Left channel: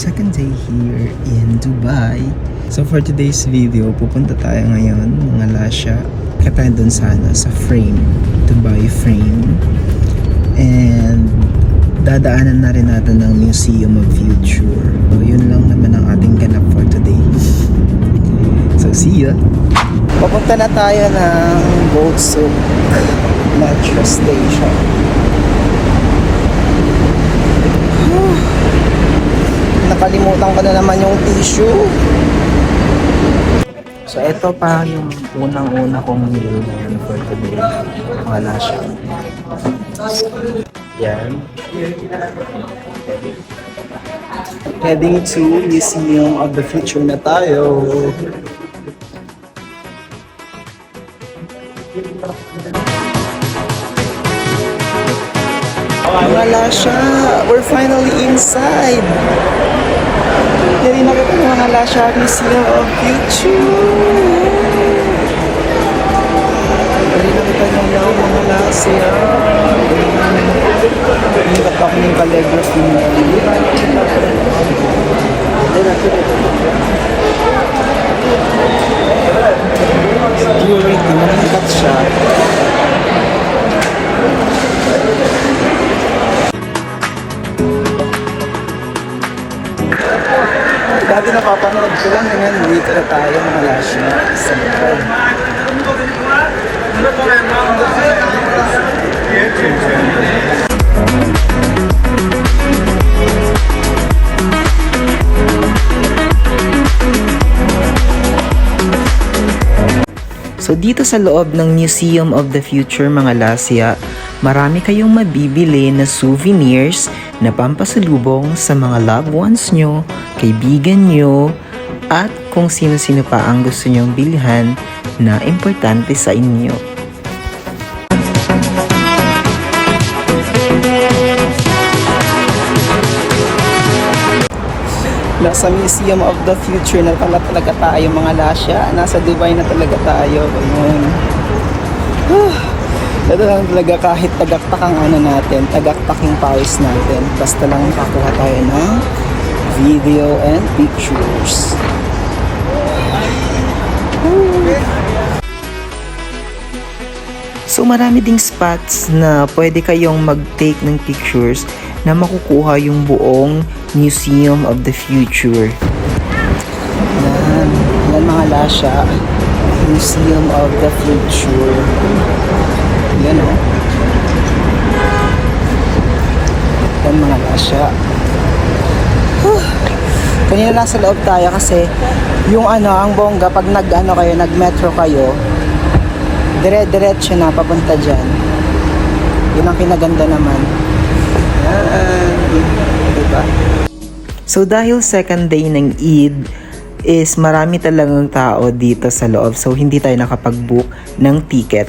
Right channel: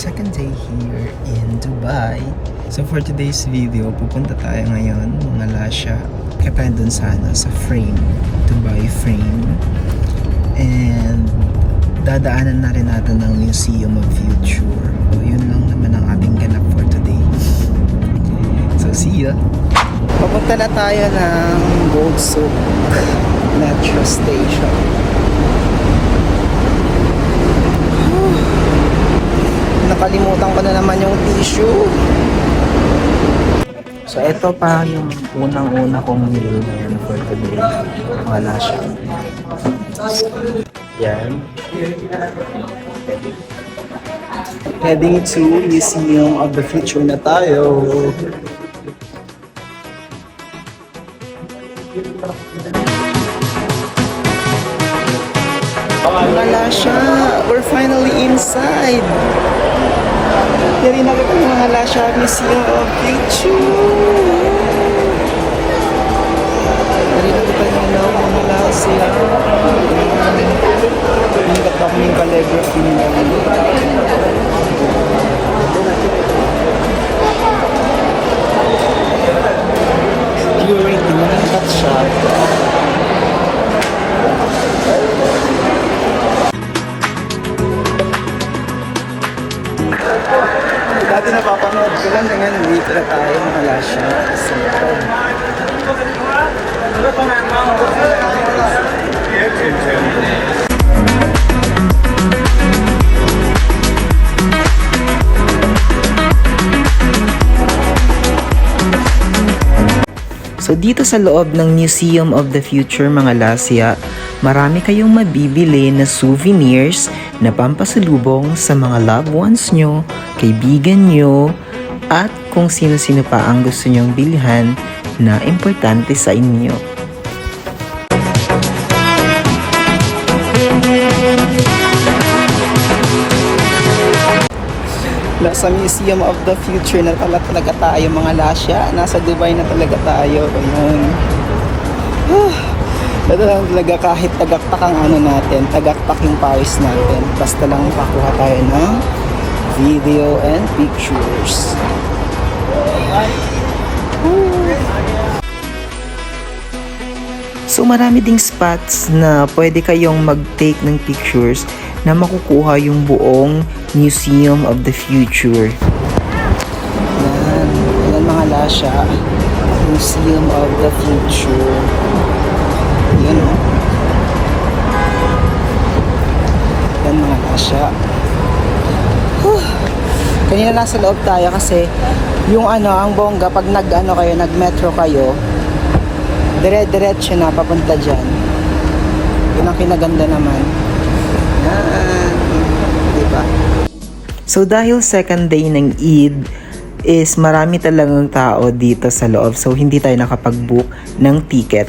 second day here in Dubai. So for today's video, pupunta tayo ngayon mga lasya. Kaya dun sana sa frame, Dubai frame. And dadaanan na rin natin ng Museum of Future. So yun lang naman ang ating ganap for today. So see ya! Papunta na tayo ng Gold Souk Metro Station. Nakalimutan ko na naman yung tissue. So ito pa yung unang-una kong meal ngayon for today. Wala siya. Yan. Heading to Museum of the Future na tayo. Wala siya. We're finally inside. Dali na kita mga lasya Museum of Future. Dali na kita ng loob mga lasya. Hindi ka pa ako yung calligraphy niya. Security, manikat siya. Dati napapanood ko lang ngayon, dito na tayo mga lasya sa likod. So dito sa loob ng Museum of the Future mga lasya, marami kayong mabibili na souvenirs na pampasalubong sa mga loved ones nyo, kaibigan nyo, at kung sino-sino pa ang gusto nyong bilhan na importante sa inyo. Nasa Museum of the Future na talaga tayo mga lasya. Nasa Dubai na talaga tayo. Ito lang talaga kahit tagaktak ang ano natin, tagaktak yung pawis natin. Basta lang pakuha tayo ng video and pictures. So marami ding spots na pwede kayong mag-take ng pictures na makukuha yung buong Museum of the Future. Yan mga lasya, Museum of the Future. Yan o. Yan mga lasya. Kanina nasa loob tayo kasi yung ang bongga pag nag-metro kayo, dire-diretso na papunta dyan. Yun ang pinaganda naman. Yan. Diba? So dahil second day ng Eid is marami talagang tao dito sa loob. So hindi tayo nakapag-book ng ticket.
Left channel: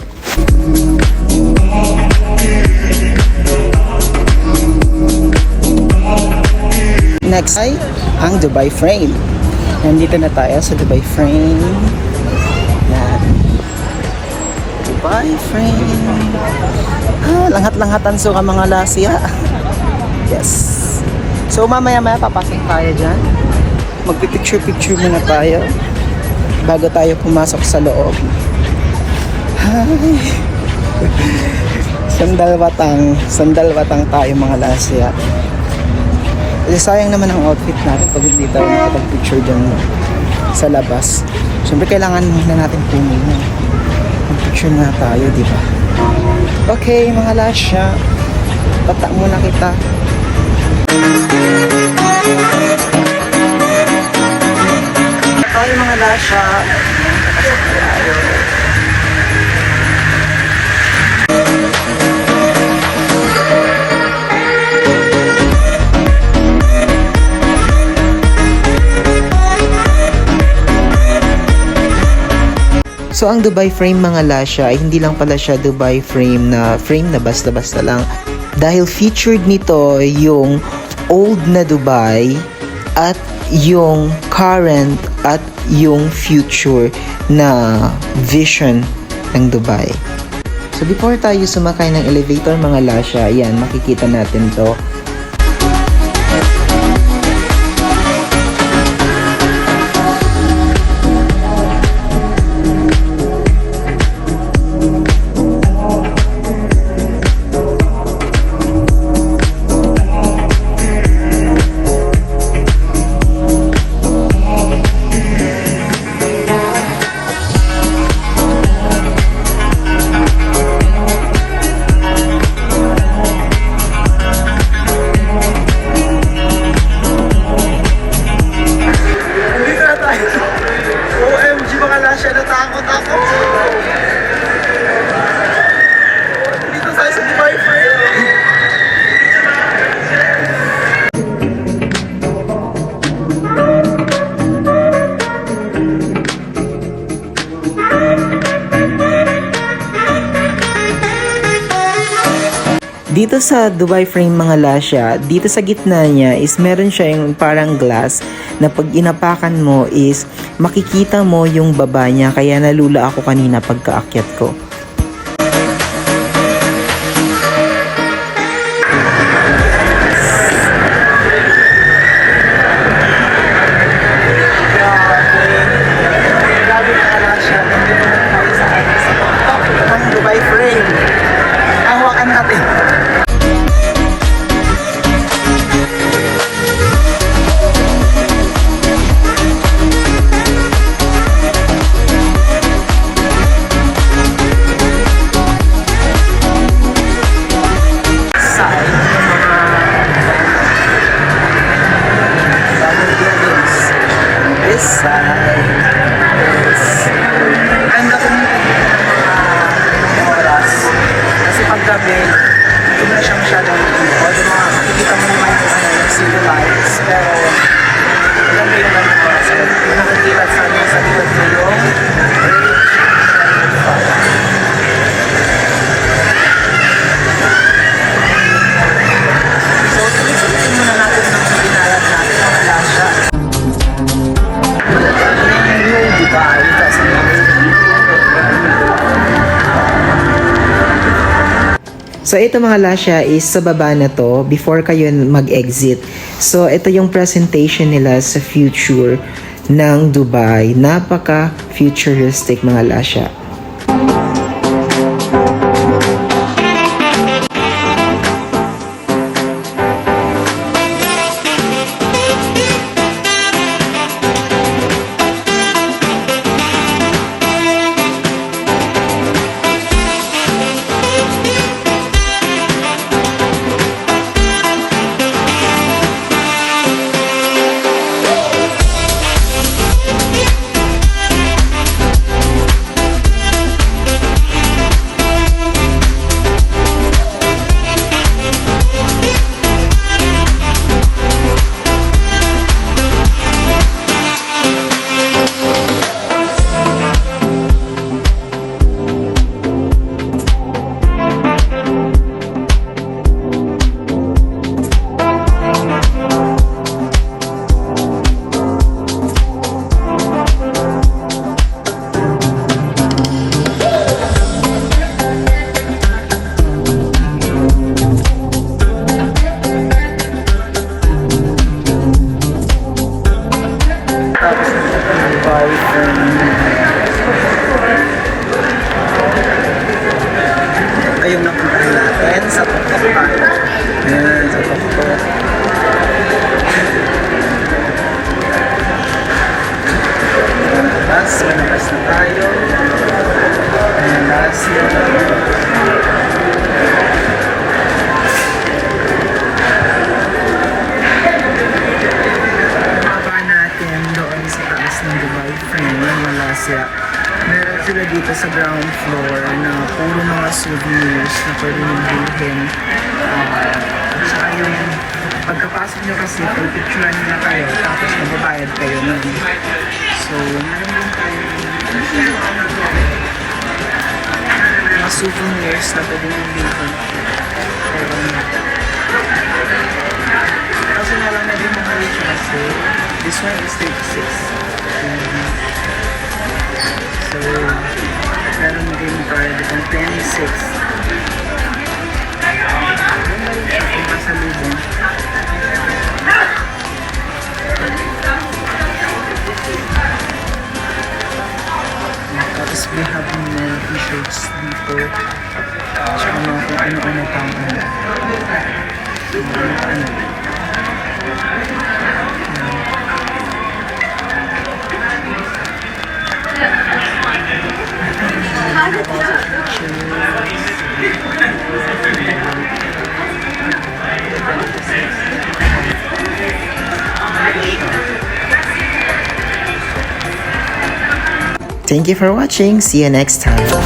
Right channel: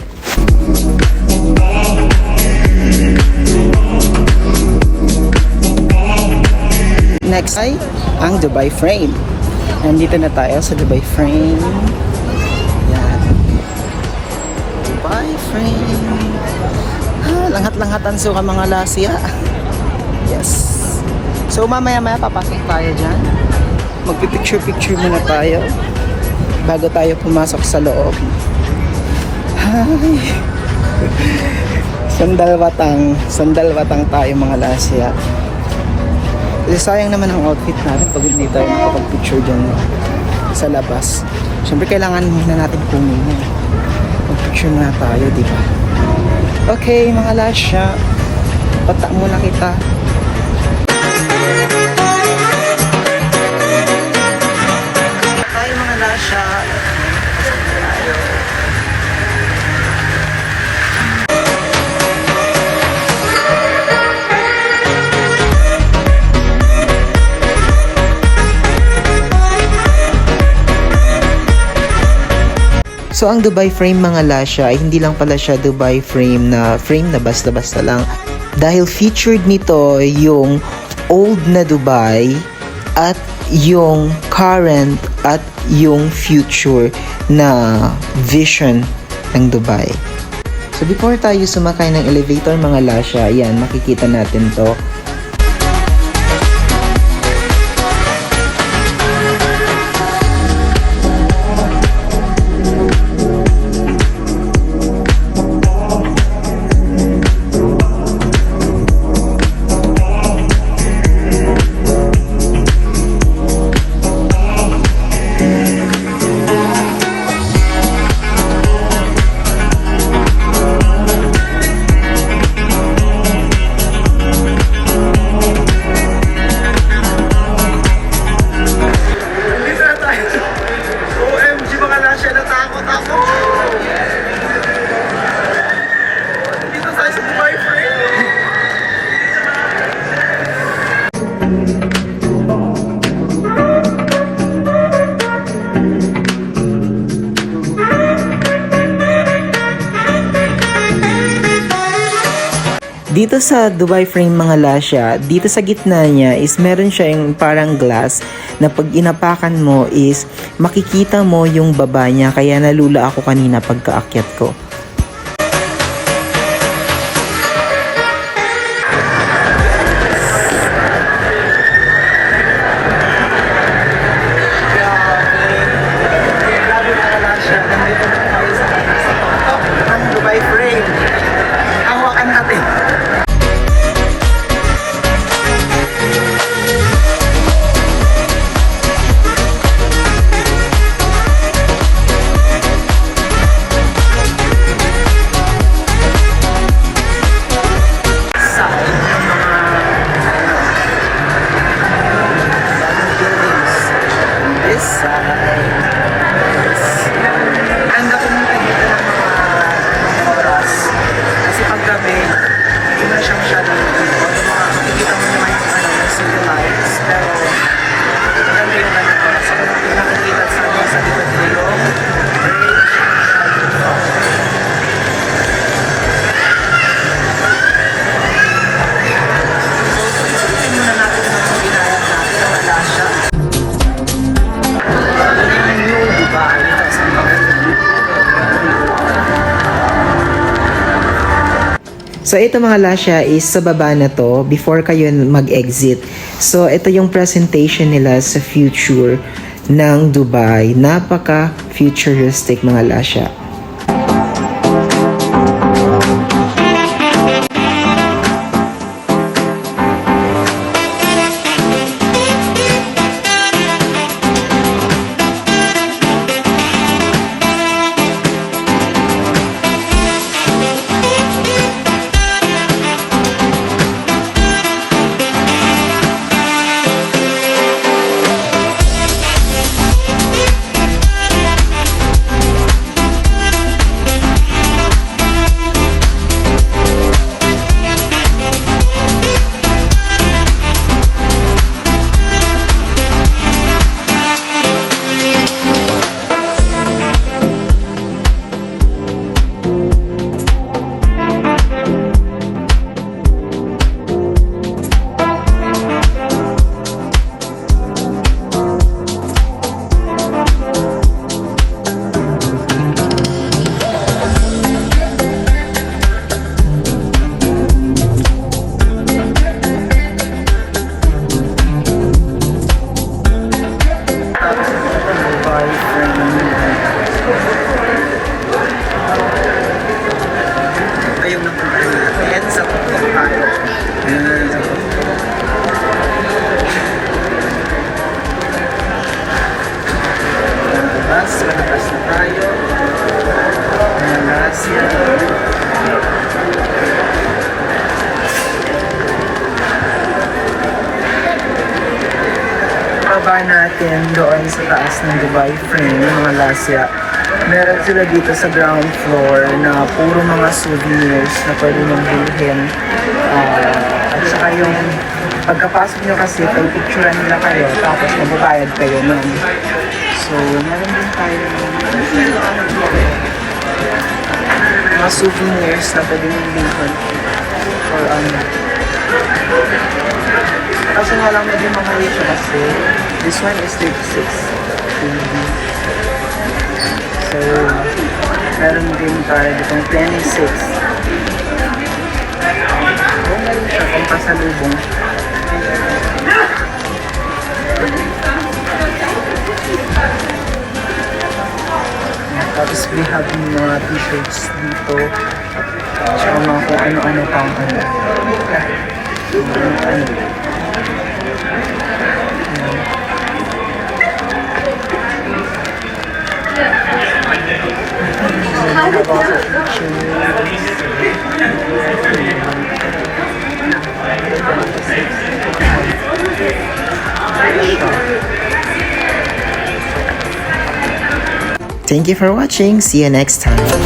Next ay ang Dubai Frame. Nandito na tayo sa Dubai Frame. Yan. Dubai Frame. Langhat-langhatan so ka mga lasya. Yes. So mamaya-maya papasok tayo dyan. Magpipicture-picture muna tayo bago tayo pumasok sa loob. Hi! Sandalwatang tayo mga lasya. Sayang naman ang outfit natin pag hindi tayo nakapag-picture dyan sa labas. Siyempre kailangan muna natin pumunta. Mag-picture muna tayo, diba? Okay mga lasya, pata muna kita. Tayo mga lasya, kapasok na tayo. So ang Dubai Frame mga lasya ay hindi lang pala siya Dubai frame na basta-basta lang. Dahil featured nito yung old na Dubai at yung current at yung future na vision ng Dubai. So before tayo sumakay ng elevator mga lasya, ayan makikita natin to. Dito sa Dubai frame mga lasya, dito sa gitna niya is meron siya yung parang glass na pag inapakan mo is makikita mo yung baba niya, kaya nalula ako kanina pagkaakyat ko. Grabe mga lasya, nandito na tayo sa tuktok ng Dubai frame. Hawakan natin. Side yung mga bagong buildings. This side is ang laki ng dito ng mga oras. Kasi pag gabi, hindi mo na siya masyadong although makikita mo naman yung city lights, pero maganda yung ganong oras. So, nakikita sa likod ko yung Great Shining Park. So, tuloy-tuloy muna natin ng binayad natin mga lasya. New Dubai, kasi so ito mga lasya is sa baba na to before kayo mag-exit. So ito yung presentation nila sa future ng Dubai. Napaka futuristic mga lasya. Ito yung napuntahan natin sa tuktok tayo. Ayan, sa tuktok. Malabas na tayo. Ayan, Lasya. Baba natin doon sa taas ng Dubai frame, mga Lasya. Meron sila dito sa ground floor na puro mga souvenirs na pwede niyong bilhin. At saka yung pagkapasok nyo kasi, picturean nila kayo, tapos mababayad kayo nun. So, meron din tayo mga souvenirs na pwede niyong bilhin. Or kasi wala na din mga ito kasi this one is 36 kg. So, meron din tayo ditong 26. Huwag na rin siya kung pasalubong. Tapos we have mga t-shirts dito. Tsaka mga kung ano-ano pang ano. Thank you for watching. See you next time.